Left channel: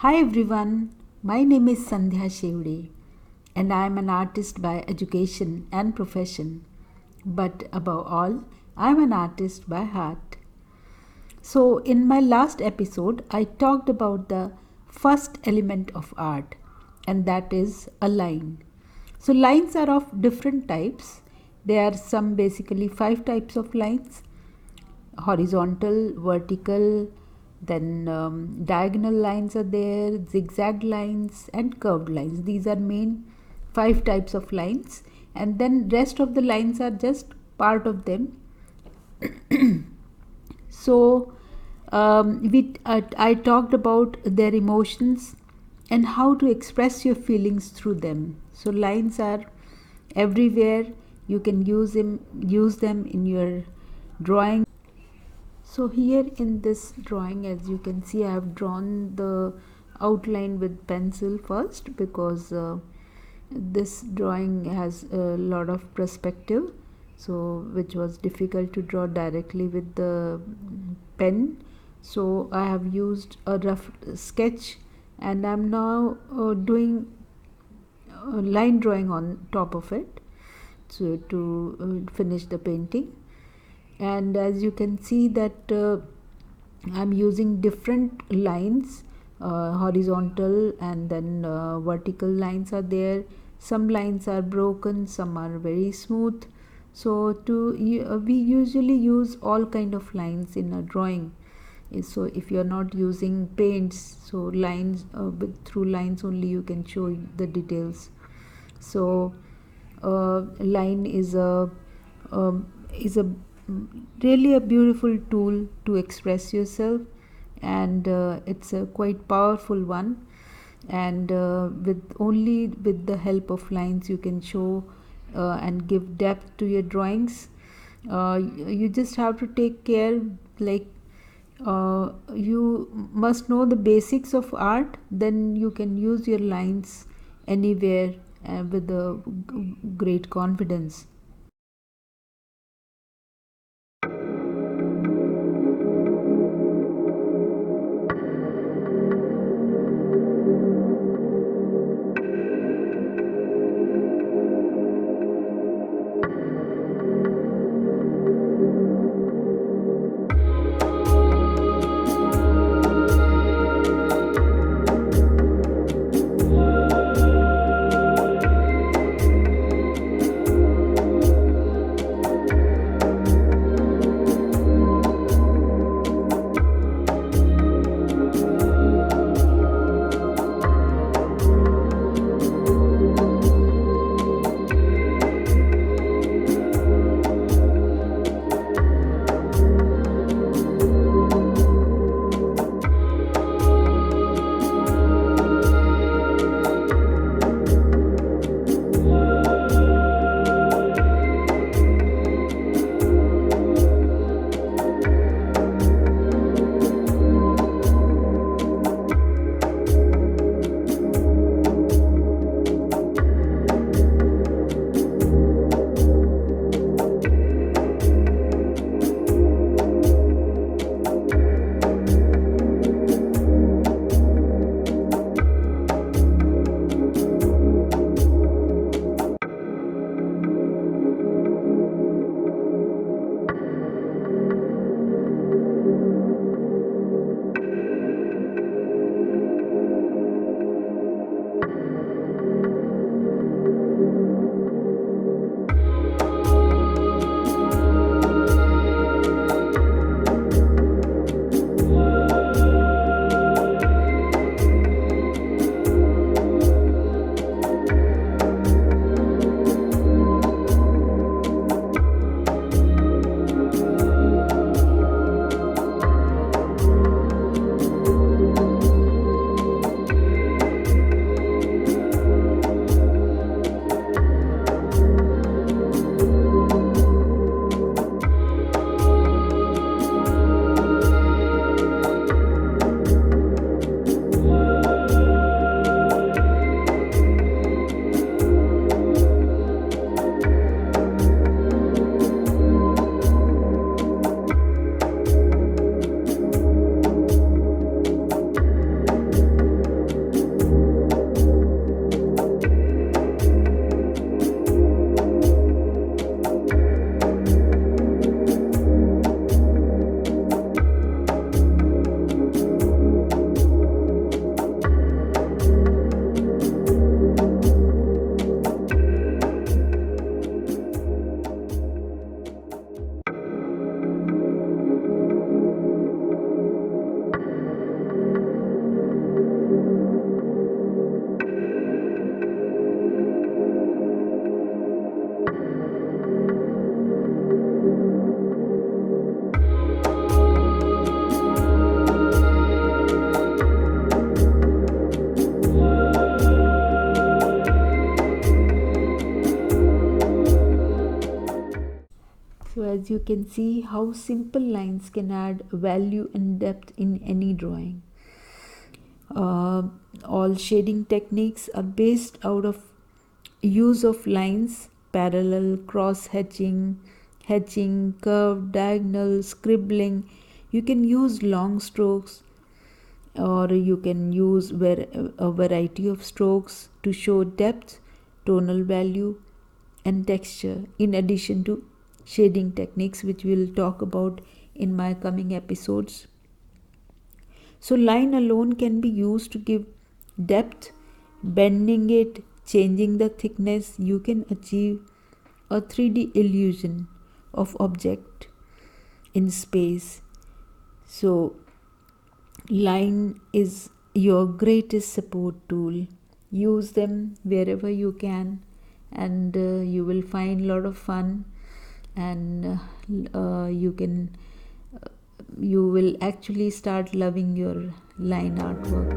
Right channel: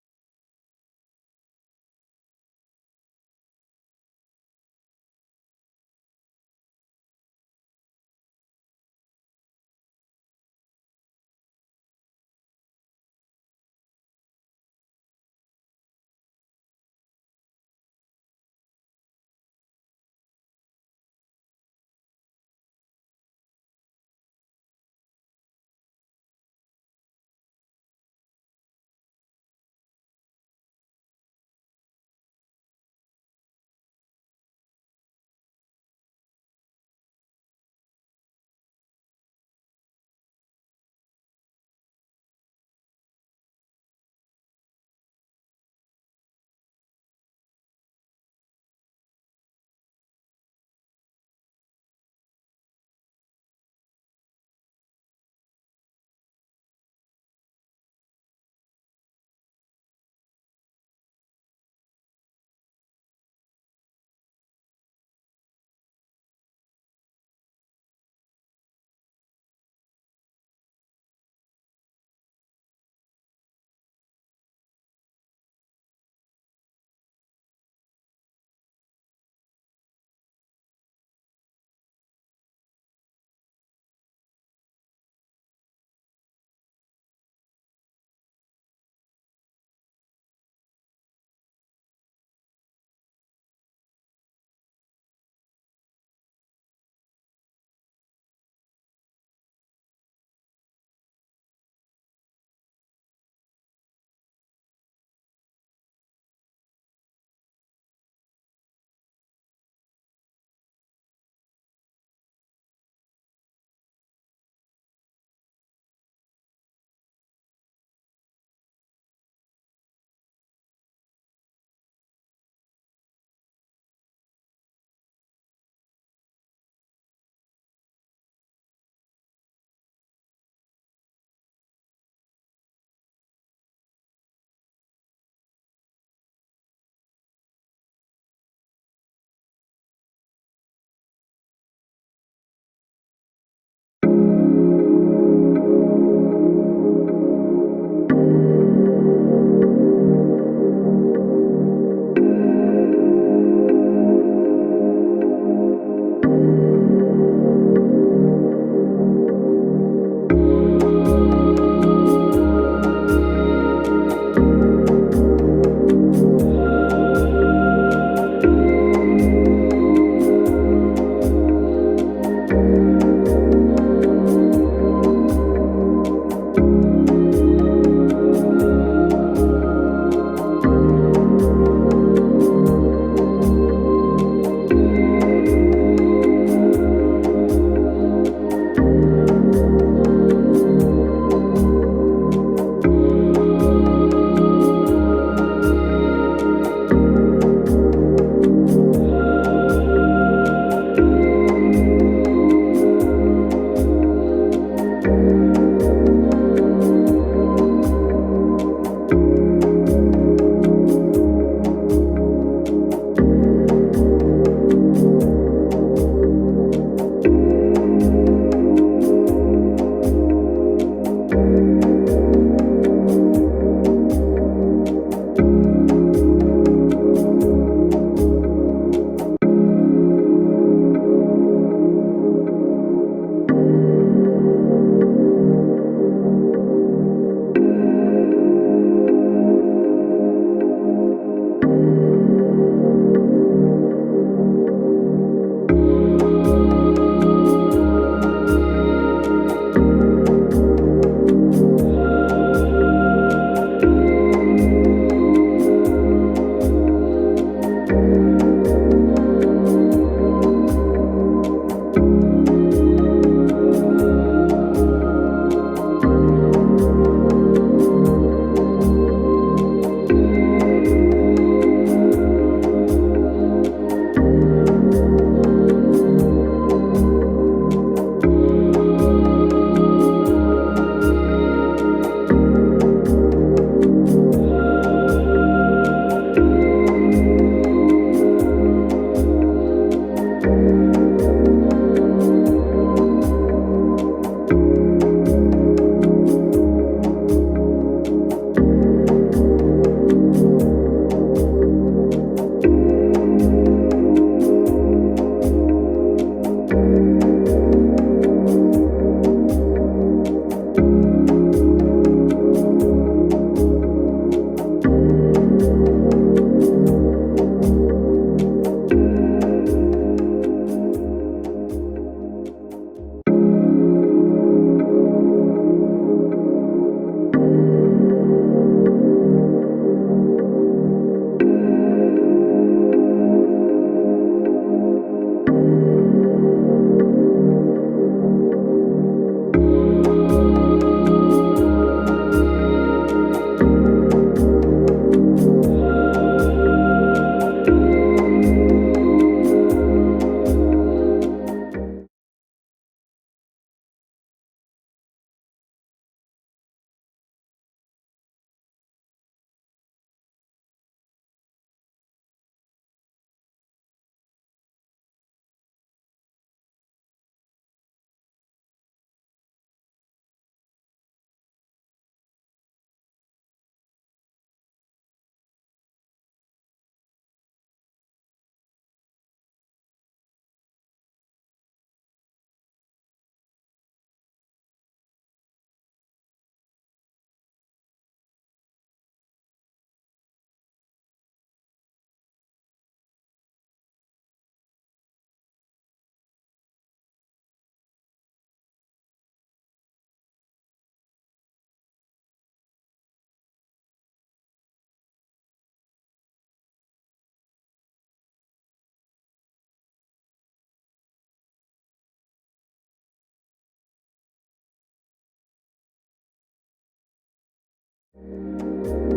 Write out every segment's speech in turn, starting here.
Hi everyone, my name is Sandhya Shevde and I am an artist by education and profession. But above all, I am an artist by heart. So, in my last episode, I talked about the first element of art, and that is a line. So, lines are of different types. There are some basically five types of lines: horizontal, vertical, then diagonal lines are there, zigzag lines, and curved lines. These are main five types of lines, and then rest of the lines are just part of them. So I talked about their emotions and how to express your feelings through them. So lines are everywhere. You can use them in your drawing. So here in this drawing, as you can see, I have drawn the outline with pencil first because this drawing has a lot of perspective, so which was difficult to draw directly with the pen. So I have used a rough sketch, and I'm now doing line drawing on top of it, so to finish the painting. And as you can see that I'm using different lines, horizontal and then vertical lines are there. Some lines are broken, some are very smooth. So we usually use all kind of lines in a drawing. So if you're not using paints, so lines through lines only you can show the details. So line is a really a beautiful tool to express yourself, and it's a quite powerful one. And with the help of lines you can show and give depth to your drawings. You just have to take care, like you must know the basics of art, then you can use your lines anywhere with a great confidence. can see how simple lines can add value and depth in any drawing. Uh, all shading techniques are based out of use of lines, parallel, cross hatching, curved, diagonal, scribbling. You can use long strokes, or you can use a variety of strokes to show depth, tonal value, and texture, in addition to shading techniques, which we'll talk about in my coming episodes. So line alone can be used to give depth. Bending it, changing the thickness, you can achieve a 3D illusion of object in space. So line is your greatest support tool. Use them wherever you can, and you will find a lot of fun, and you will actually start loving your line artwork.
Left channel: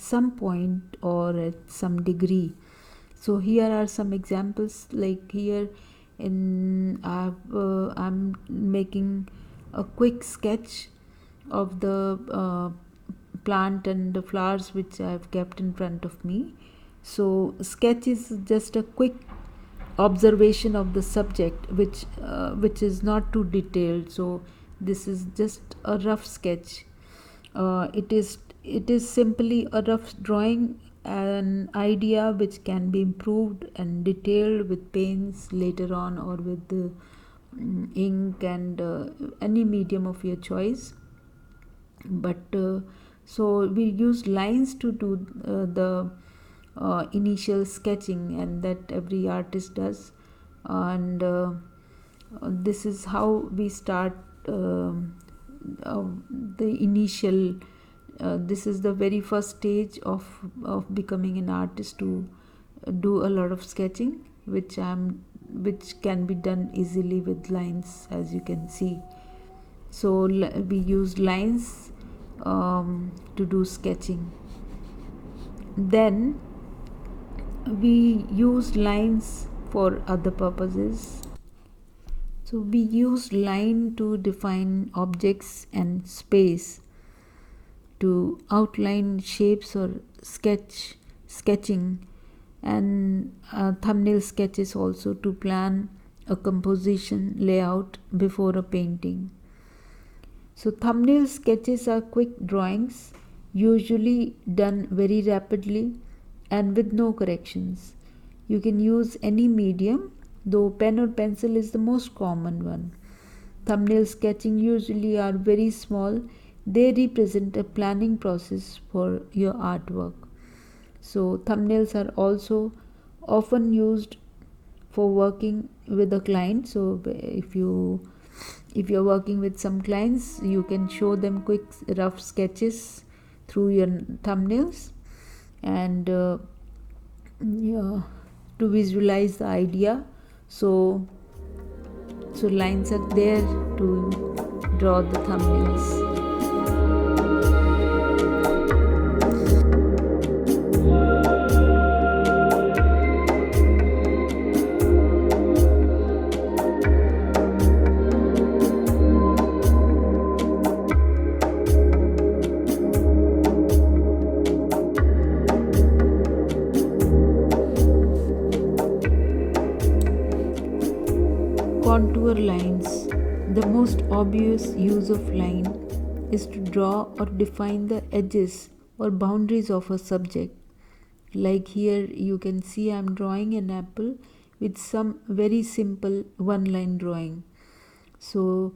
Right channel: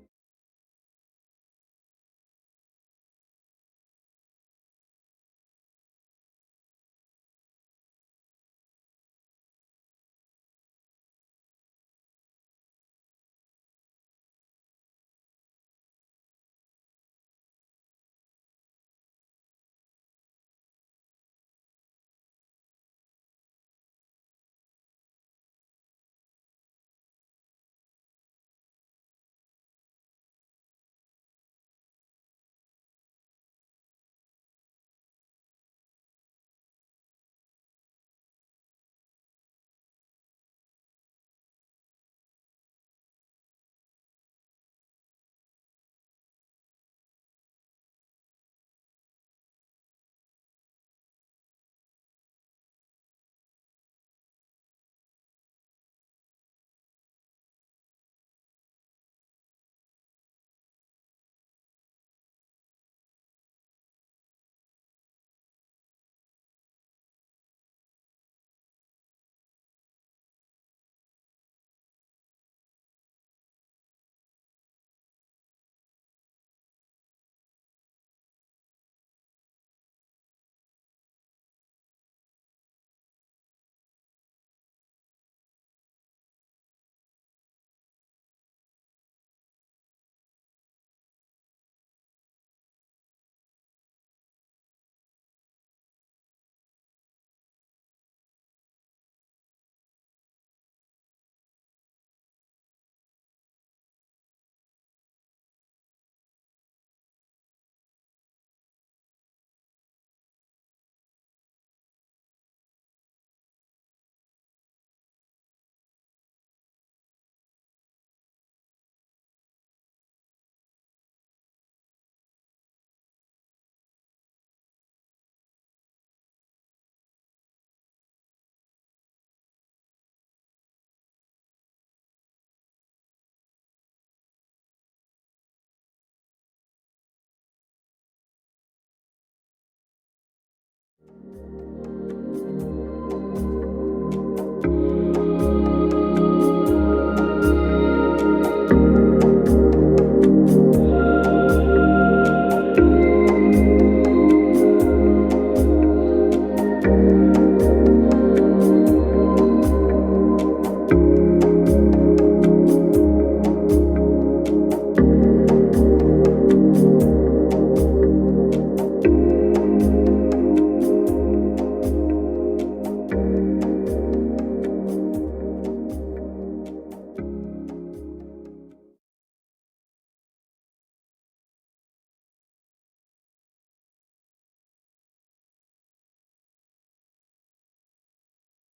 Some point or at some degree. So here are some examples. Like here I'm making a quick sketch of the plant and the flowers which I've kept in front of me. So sketch is just a quick observation of the subject, which is not too detailed. So this is just a rough sketch. It is simply a rough drawing, an idea which can be improved and detailed with paints later on, or with the ink and any medium of your choice. But so we use lines to do the initial sketching, and that every artist does. And this is how we start the initial this is the very first stage of becoming an artist, to do a lot of sketching, which can be done easily with lines, as you can see. So we use lines to do sketching. Then we use lines for other purposes. So we use line to define objects and space, to outline shapes or sketching, and thumbnail sketches also to plan a composition layout before a painting. So thumbnail sketches are quick drawings, usually done very rapidly and with no corrections. You can use any medium, though pen or pencil is the most common one. Thumbnail sketching usually are very small. They represent a planning process for your artwork. So thumbnails are also often used for working with a client. So if you're working with some clients, you can show them quick rough sketches through your thumbnails, and yeah, to visualize the idea. So lines are there to draw the thumbnails. Contour lines. The most obvious use of line is to draw or define the edges or boundaries of a subject. Like here, you can see I'm drawing an apple with some very simple one line drawing. So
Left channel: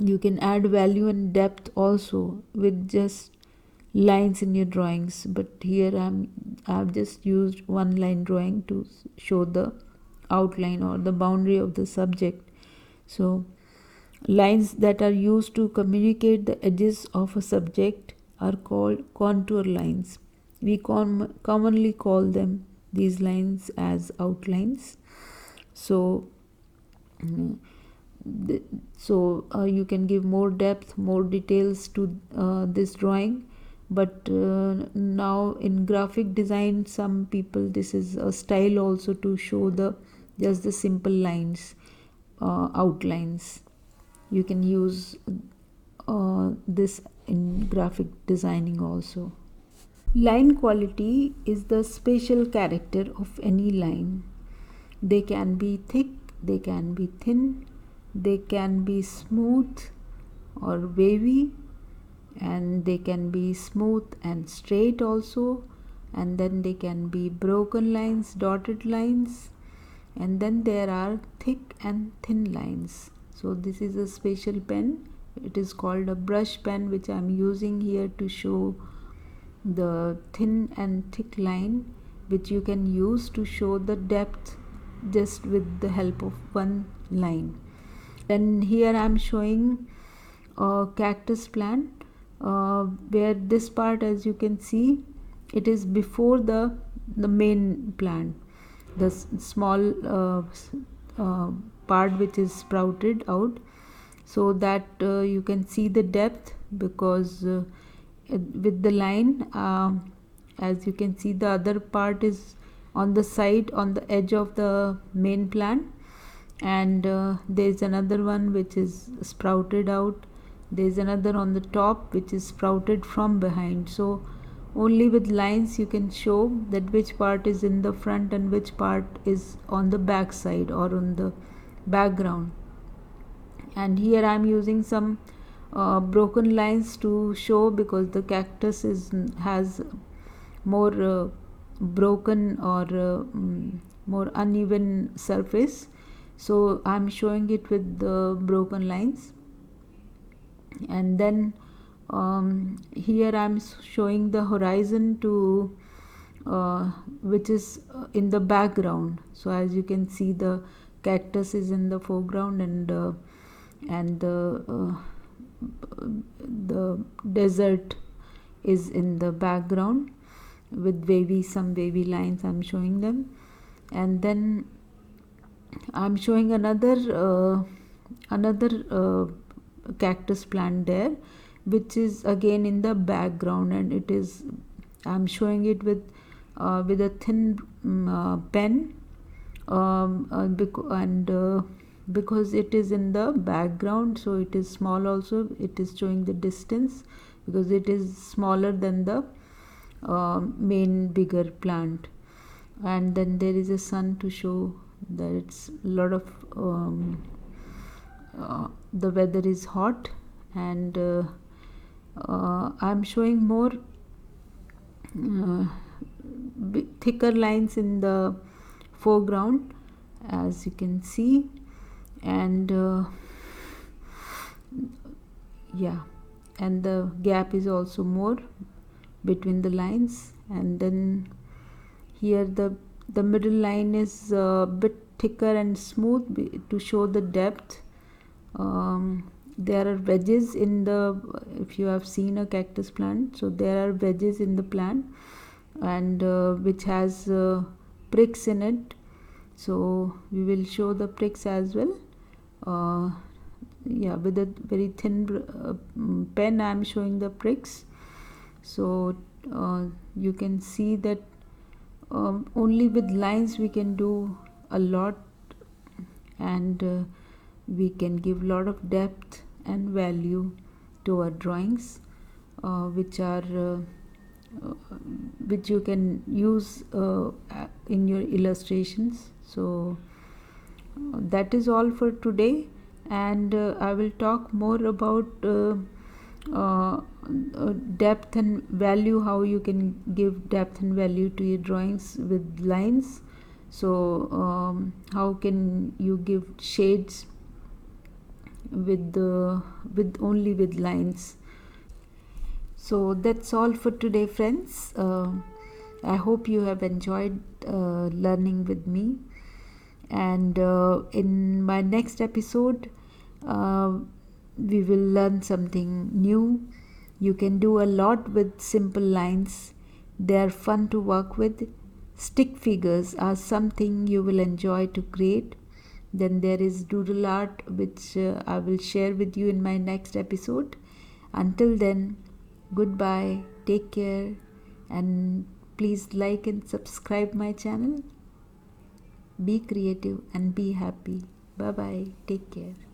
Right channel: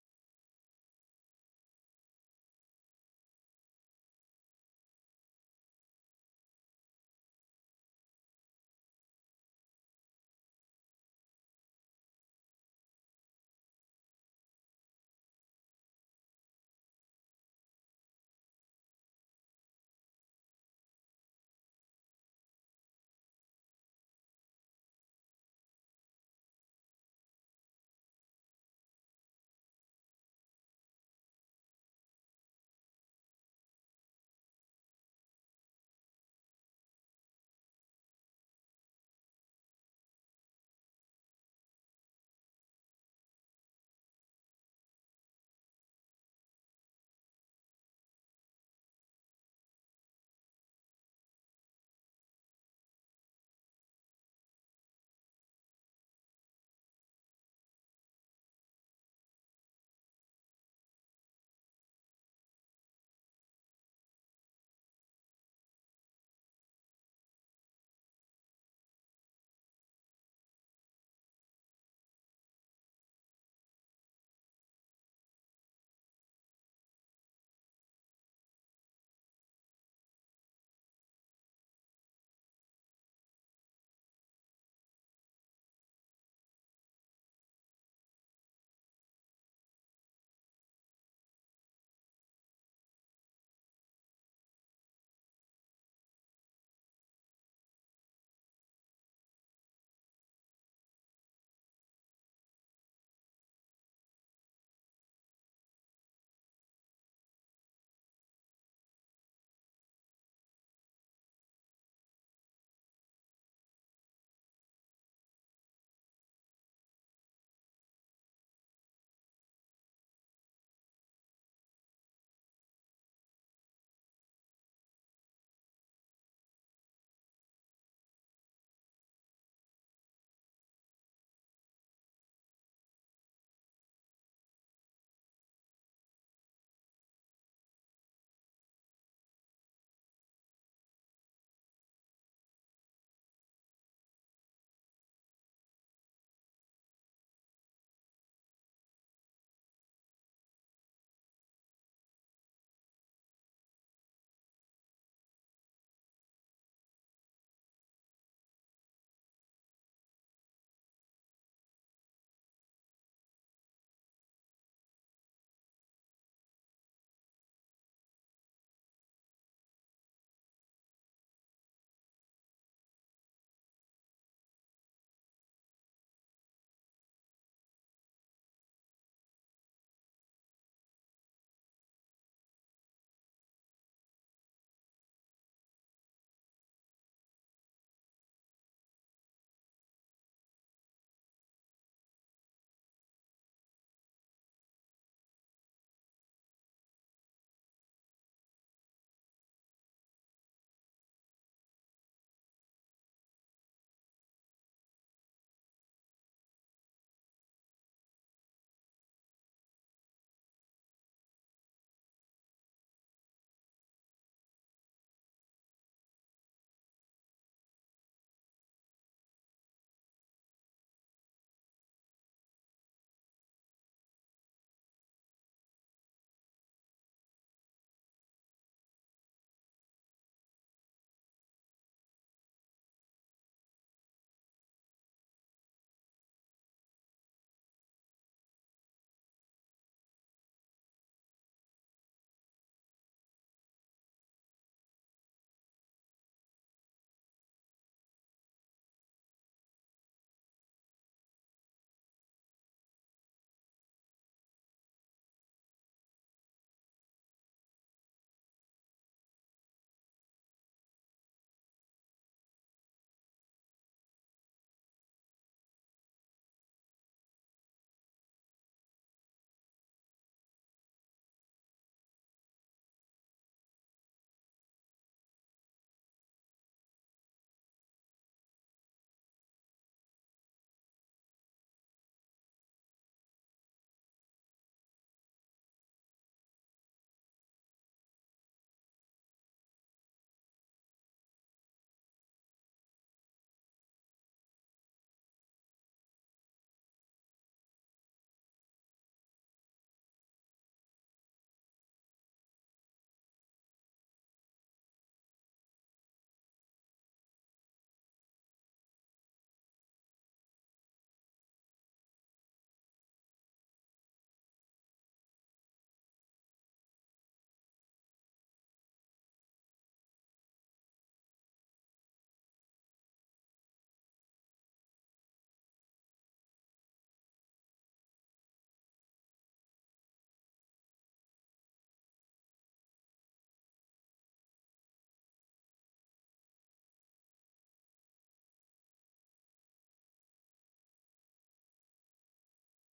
you can add value and depth also with just lines in your drawings, but here I've just used one line drawing to show the outline or the boundary of the subject. So lines that are used to communicate the edges of a subject are called contour lines. We commonly call them, these lines, as outlines. So you can give more depth, more details to this drawing. But now in graphic design, some people, this is a style also to show the just the simple lines, outlines. You can use this in graphic designing also. Line quality is the spatial character of any line. They can be thick, they can be thin, they can be smooth or wavy, and they can be smooth and straight also, and then they can be broken lines, dotted lines, and then there are thick and thin lines. So this is a special pen. It is called a brush pen, which I am using here to show the thin and thick line, which you can use to show the depth just with the help of one line. Then here I am showing a cactus plant, where this part, as you can see, it is before the main plant, the small part which is sprouted out, so that you can see the depth, because with the line, as you can see, the other part is on the side, on the edge of the main plant, and there is another one which is sprouted out. There is another on the top which is sprouted from behind. So only with lines you can show that which part is in the front and which part is on the back side or on the background. And here I am using some broken lines to show, because the cactus has more broken or more uneven surface. So I am showing it with the broken lines. And then here I am showing the horizon to which is in the background. So as you can see, the cactus is in the foreground, and the desert is in the background with some wavy lines. I'm showing them. And then I'm showing another cactus plant there, which is again in the background, and it is, I'm showing it with a thin pen, because it is in the background, so it is small also. It is showing the distance because it is smaller than the main bigger plant. And then there is a sun to show that it's a lot of the weather is hot. And I'm showing more thicker lines in the foreground, as you can see. And yeah, and the gap is also more between the lines. and then here the middle line is a bit thicker and smooth to show the depth. There are wedges in the, if you have seen a cactus plant, so there are wedges in the plant, and which has pricks in it, so we will show the pricks as well. Yeah, with a very thin pen I am showing the pricks. So you can see that only with lines we can do a lot, and we can give a lot of depth and value to our drawings, which you can use in your illustrations. So that is all for today, and I will talk more about uh, depth and value, how you can give depth and value to your drawings with lines. So how can you give shades with only with lines. So that's all for today, friends. I hope you have enjoyed learning with me, and in my next episode uh, we will learn something new. You can do a lot with simple lines. They are fun to work with. Stick figures are something you will enjoy to create. Then there is doodle art, which I will share with you in my next episode. Until then, goodbye, take care, and please like and subscribe my channel. Be creative and be happy. Bye bye. Take care.